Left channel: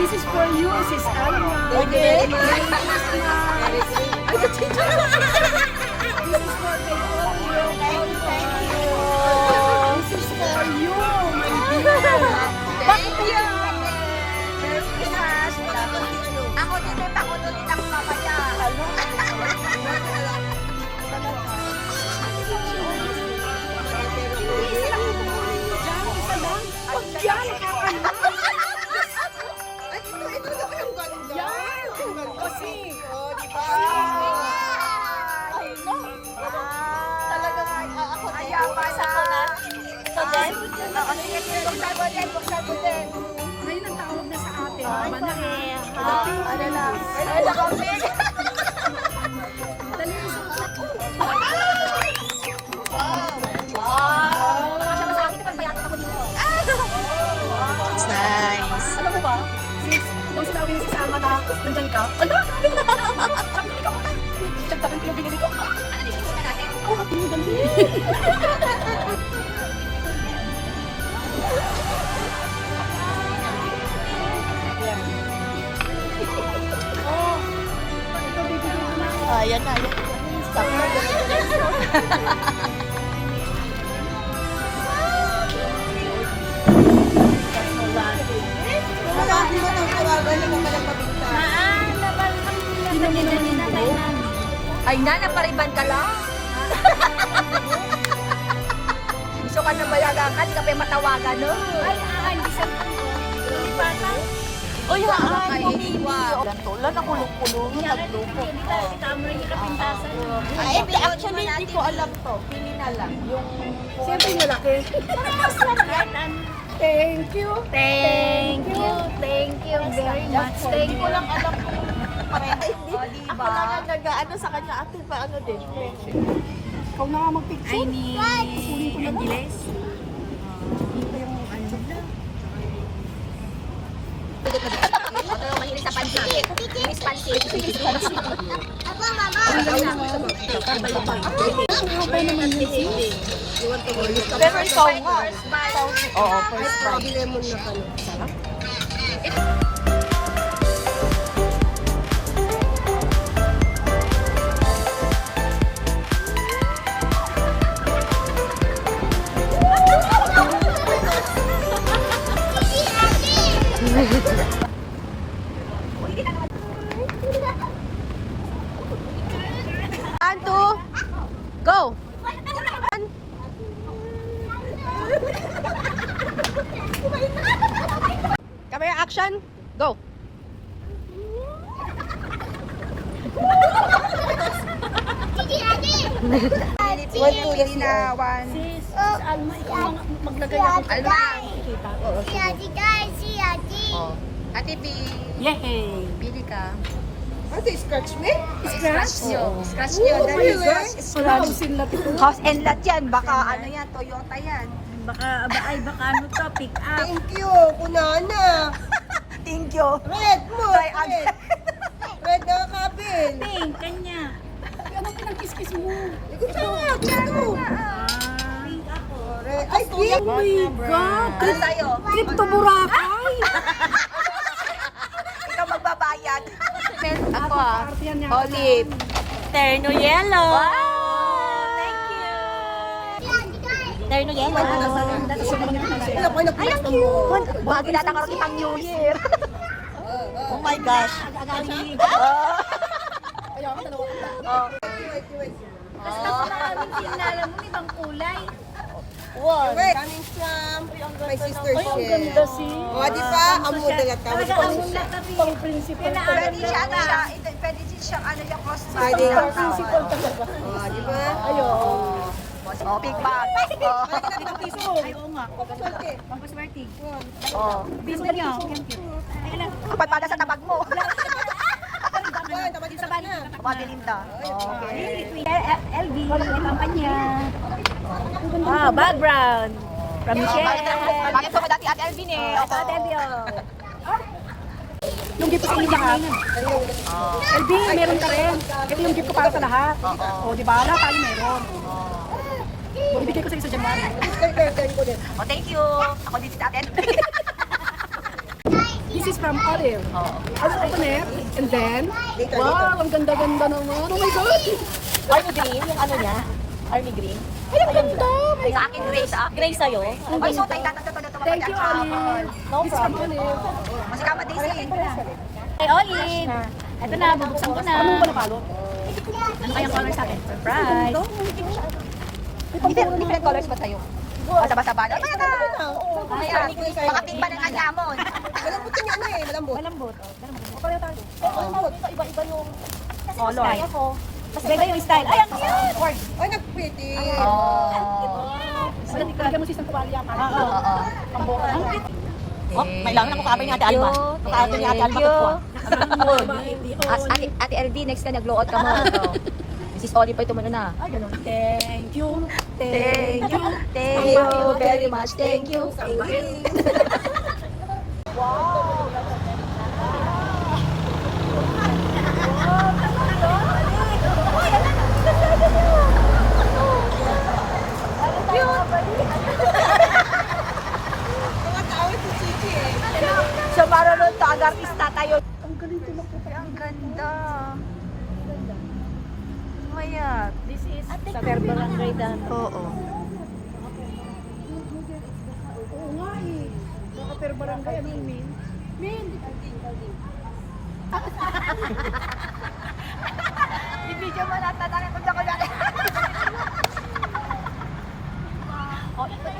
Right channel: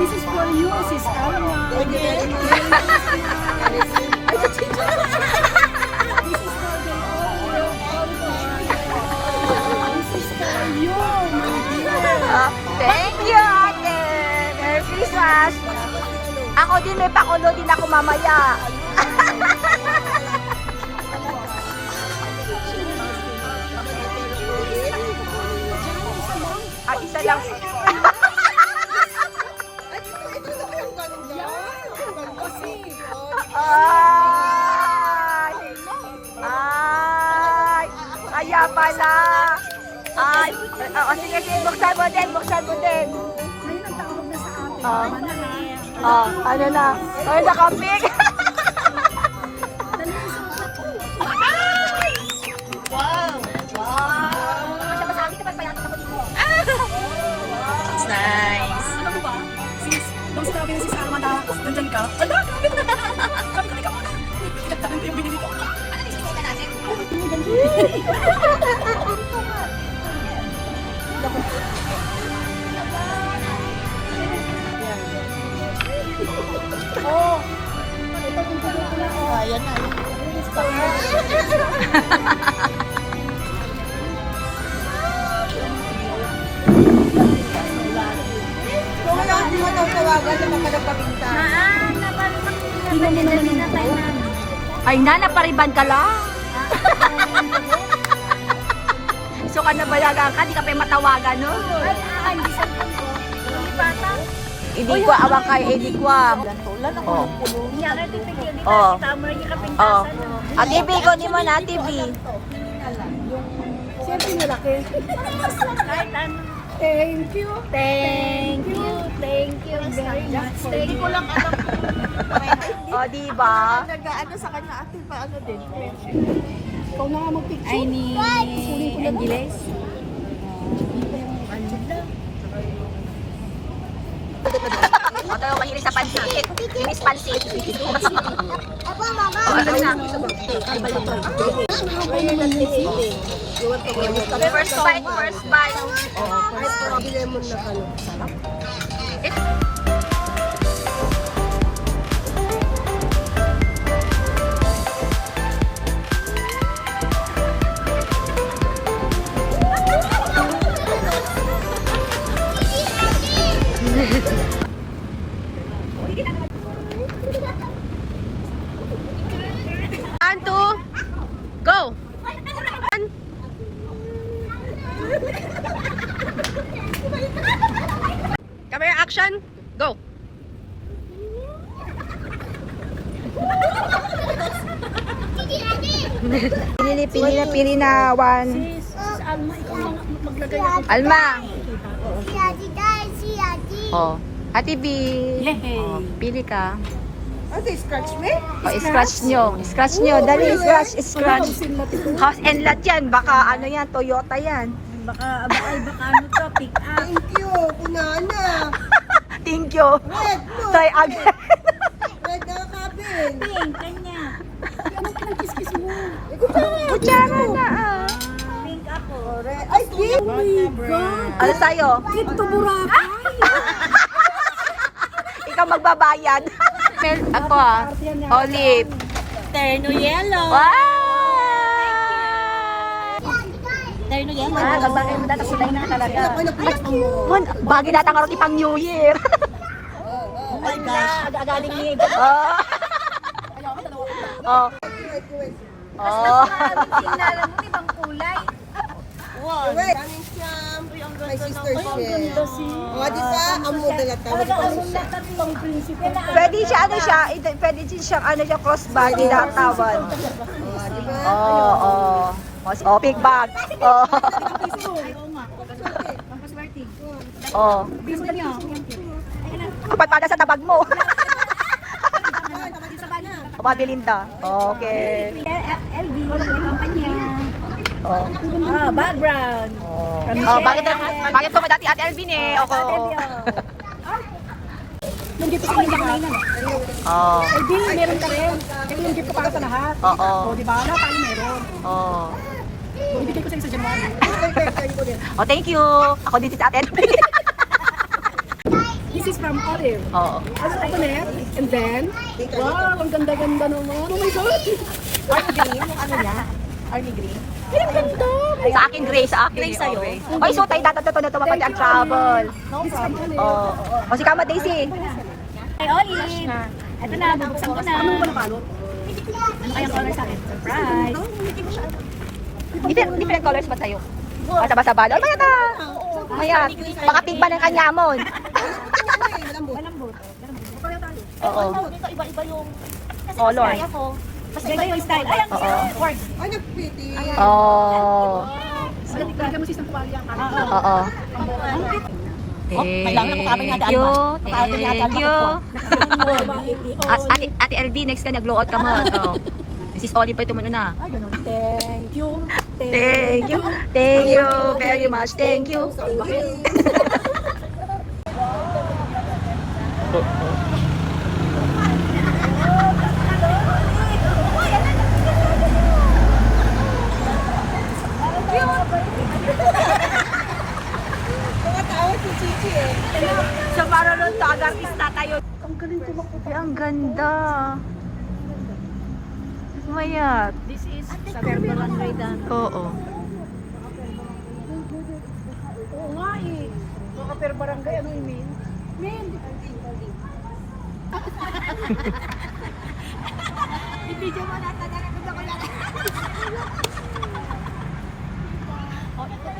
This is for you, Sis Alma. Thank you very much. Merry Christmas. This is for the This is for you, my dear. Thank you, ate. Merry Christmas. Ako din, may pakulo din ako mamaya. At isa lang. Ito yung ganda. Ang ganda kasi. Ay! Kaya pala. Ay! Oo, sige, sige. Buksan mo din, buksan mo din. Ngayon ang tawag na sa atin. Ah. Manahan. Ano na? Ay, nakapig. Dali isang It's nice. Sis, kung sinabi ni Sis Alma na nandyan ka, ala! Sabi ko, ikaw na. Tagtakan ko yung binili ko. Oh, ito bibigyan ko na. Ayan na. Ay, napariban ka lang. So ka na bayagan ka, di ka pa yung matawagan, no? Ay, hindi sa ko. Nalipatan. Hindi ko awak kay hindi ko. Tulan ako ng pulong, naglupo. Oh. Oh. At ibigo ni mo na, TV. Siyempre malaki. Thank you. Thank you. Thank you very much. Thank you lang. Oh, di ba? Nag-ano sa kanya, ate pa ano din. Ikaw na nga mag-picture. Ay, ni Kunin ko na lang. Angeles. Ito yung mahilig sa pansit. Miss Pansit. Oh, ito na. Haba naman yun, sis. First bite, first bite. Oo, first time. Sarap. One, two, go! Camera action, go! Pili na one. Sis, Alma, ikaw maglagay ako. Alma. Si Ate guys, si Ate. Oh. Ate B. Yay! Pili ka. Ate, scratch me? Oh, scratch nyo. Scratch nyo. Dali, scratch, scratch. Hausin natin ito. House and lot yan. Baka ano yan, Toyota yan. Baka ano to, pick up. Thank you, kunana. Thank you. Red mo. Try red. again. Red na kabin. Pink, kanya. Anong pinag-kiss-kiss mo? Kutsara na. Red. Ay, Oh my God! Ano sa'yo? Trip to Boracay! Ikaw magbabayad. Ako ah. Olive. Terno yellow! Wow! Terno yellow! Ay, ako nag-flash mo. Bagay natin ang pang New Year. Oh my gosh. Oh. Oh. Wow. Coming from my sister's share. Ganda si... O, di ba? Amo dalat ka. Talaga ang lahat ng principal. Pwede siya, ano siya, pwede din siyang ano yung crossbody na tawad. O, di ba? Oo. Oh, big bag. Oh. Ay, oo nga. Pampaswerte. Oh. Business niyo. Ay, alam. Kapag pada sa tabag mo. Sa bali. Pabilinda. Okay. LV, may kampanya. Oh. Oh, background. From Oh, bakit po dati Ate Alvin eh? Ako. Yung gift ko sa inyo lahat. Oh. LV, meron ka rin. Ito yung gift ko para sa lahat. Oo. O, di ba? Lahat tayo meron. Oh. Ibigay ko sa iyo sa January. Oh, thank you. Ako din si Ate Alvin. This is from Olive. Oo. I will open it. And then, wow, ang ganda-ganda naman. Oh my God! Army green, yung ano niya? Army green. Ay, ang ganda! My Sa akin, Gray. Sa akin. Gray sa'yo. Okay. Oy, so tayo tatato na ito kapag Thank you, nag-travel. Olive. This is from Olive. Oo. O si Kama Daisy. Hey, Olive! Ito na, bubuksan ko na. Ano ba nabalot? Ano kayang color sa akin? Surprise! Different colors ba sa'yo? Basa-basa ba? Ay, maya na! Maya. Baka pink pa ng anyamon. Malambot yung ano eh, malambot. Malambot. Oo. Iba-iba yung... Color. Kaya ko. Mas ganda yung style. Ay, ang cute! Ay, nag-pretty. Oo. Bigyan mo si Sam Kumalia. Oo. Oo. Ang cute. Oh, kailangan ako kapay ni Ate Alma. Kapay ni Ate Alma ko. Ate LV, next ka nag-blow out ka mo. Oh. Mrs. Olive pa ito muna na. Ay, ganun. Thank you. Thank you. Thank you very much. Thank you. Tumatawa si Chichi eh. So, para nun to, agartista tayo. Ay, ang ganda. Mayat. This is sa Perpelan Raydan. Oo. Ibigyan mo na tatanga kung ako na. Oh, ito